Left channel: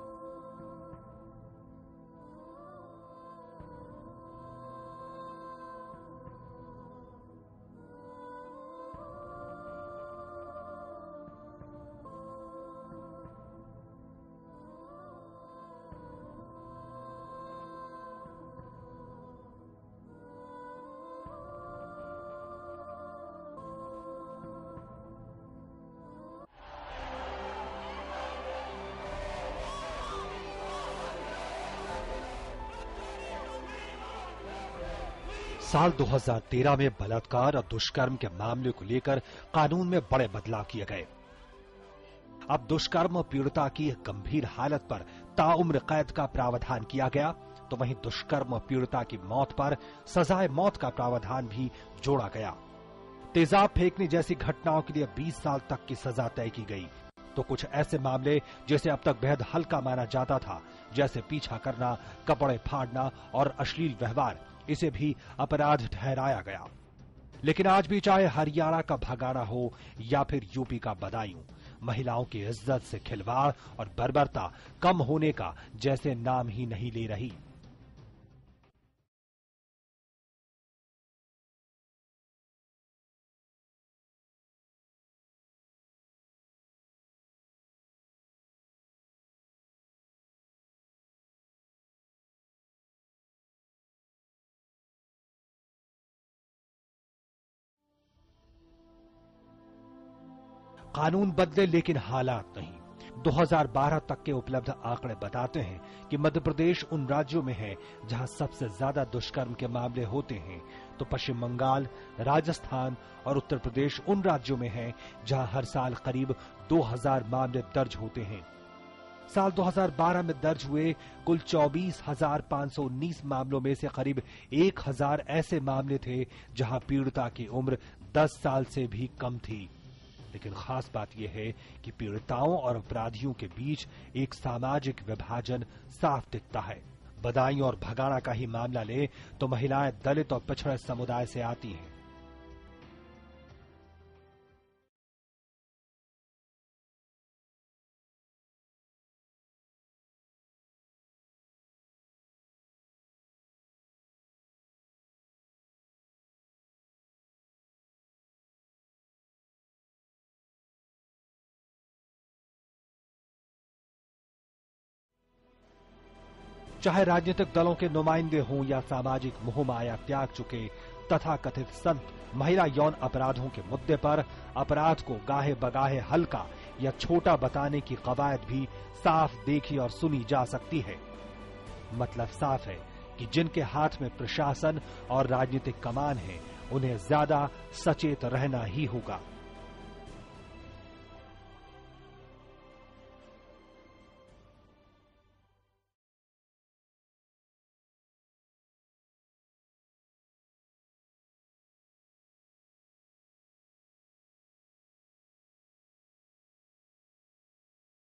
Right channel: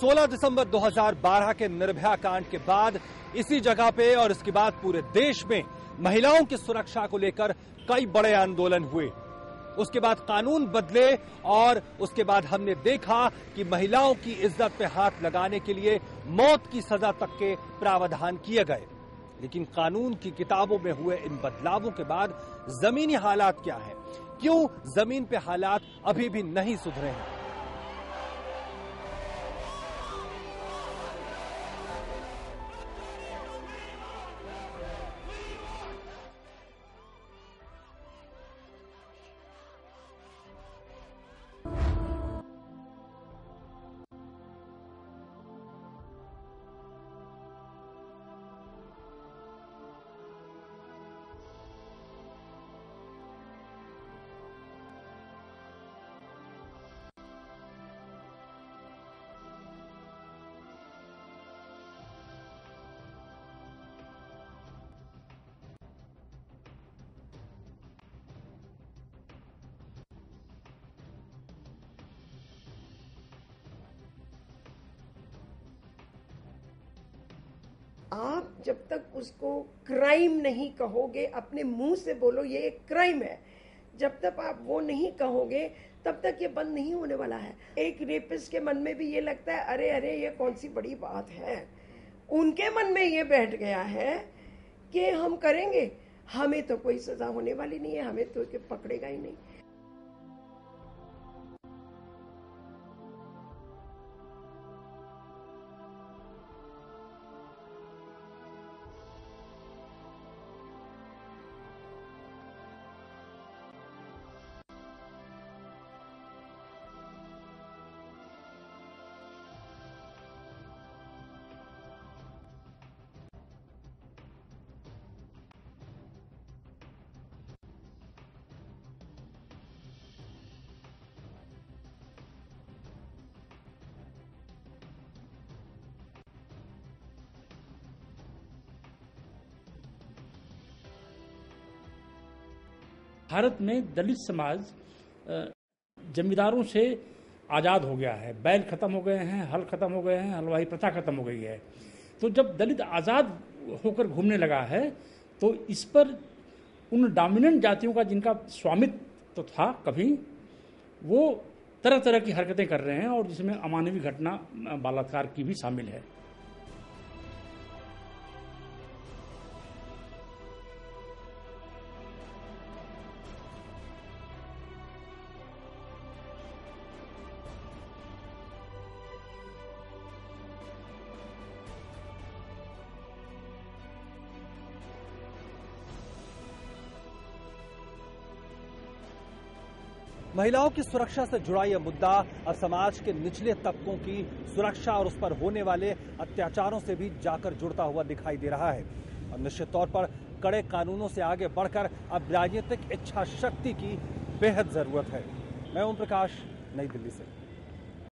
16 दिसंबर 2012 के निर्भया कांड के बाद इसी जगह पे और इसके बाद पूरे देश में महिलाओं की सुरक्षा को लेकर कई बड़े आंदोलन हुए। उसके बाद कानून बदले और उसके बाद हमने देखा कि महिलाओं की इज्जत पे हाथ लगाने के लिए मौत की सजा तक के प्रावधान किए गए। लेकिन कानून की किताबों में हुए इन बदलावों के बाद जमीनी हालात क्या है? क्यों जमीन पे हालात अभी भी नहीं सुधरे हैं? साल 2013 में बलात्कार और दुष्कर्म के मामले को लेकर कानून में बड़े बदलाव किए गए। अब दुष्कर्म पीड़िता की गंभीर हालत पर ताउम्र कैद का प्रावधान किया गया, तो वहीं दुष्कर्म पीड़िता की मौत पर सजाए मौत का प्रावधान भी जोड़ा गया। तेजाब फेंकने जैसी घटनाओं के लिए 20 साल तक की सजा तय की गई। तो कुछ ऐसे मामले जिसे अब तक बेहद हल्का माना जाता था, जैसे पीछा करना, कपड़े फाड़ना और अश्लील व्यवहार, इसे भी अपराध ठहराया गया। लेकिन आज भी चाहे हरियाणा का भगाड़ा हो या फिर यूपी का बदायूं, महिलाओं की इज्जत से खिलवाड़ और बर्बरता कम होने का जैसे नाम ही नहीं ले रही। आप जब तक उसको क्राइम नहीं कहोगे, अपने मुंह से बोलो ये एक क्राइम है, जब तक आप वो नहीं कहोगे तब तक ये बंद नहीं होने वाला है। एक रेपिस्ट के मन में भी ये लगता है अरे अरे ये कौन सी बड़ी बात है, उनके मन में ये बैठ गया है कि हम करेंगे, हमें तो कोई सजा होने वाली नहीं है, हमें तो पकड़ेगा ही नहीं। कानून बदले लेकिन हालात नहीं। 2012 तक के उपलब्ध आंकड़े बताते हैं कि मध्य प्रदेश उन राज्यों में है जहां सबसे ज्यादा दुष्कर्म के मामले होते हैं, तो पश्चिम बंगाल, राजस्थान और उत्तर प्रदेश उन राज्यों में है जहां हर साल करीब 2000 मामले दर्ज होते हैं। साल 2012 में दर्ज हुए कुल 24,519 मामलों में से करीब 1000 ऐसे मामले थे जहां पीड़िता की उम्र 10 साल से भी कम थी। लेकिन खास बात यह है कि पीड़िताओं और अपराधियों के बीच एक सामाजिक विभाजन साफ दिखता है। बदायूं और भगाड़ा का ही मामला ले तो महिलाएं दलित और पिछड़े समुदाय से आती हैं। भारत में दलित समाज जमींदारों से आजाद हो गया है, बैल खत्म हो गए हैं, हल खत्म हो गए हैं, हलवाई प्रथा खत्म हो गई है। तो जब दलित आजाद होकर घूमने लगा है तो इस पर उन डोमिनेंट जातियों का जिनका स्वामित्व तो था कभी, वो तरह तरह की हरकतें कर रहे हैं और जिसमें अमानवीय घटना बलात्कार की भी शामिल है। चाहे राजनीतिक दलों के नुमाइंदे हों या सामाजिक मोहमाया त्याग चुके तथाकथित संत, महिला यौन अपराधों के मुद्दे पर अपराध को गाहे बगाहे हल्का या छोटा बताने की कवायद भी साफ देखी और सुनी जा सकती है। मतलब साफ है कि जिनके हाथ में प्रशासन और राजनीतिक कमान है, उन्हें ज्यादा सचेत रहना ही होगा। महिलाओं की सुरक्षा से जुड़ा यह मुद्दा अब समाज के निचले तबकों की सुरक्षा और उस पर होने वाले अत्याचारों से भी जाकर जुड़ता हुआ दिखाई दे रहा है। और निश्चित तौर पर कड़े कानूनों से आगे बढ़कर अब राजनीतिक इच्छा शक्ति की बेहद जरूरत है। मैं ओम प्रकाश, नई दिल्ली से।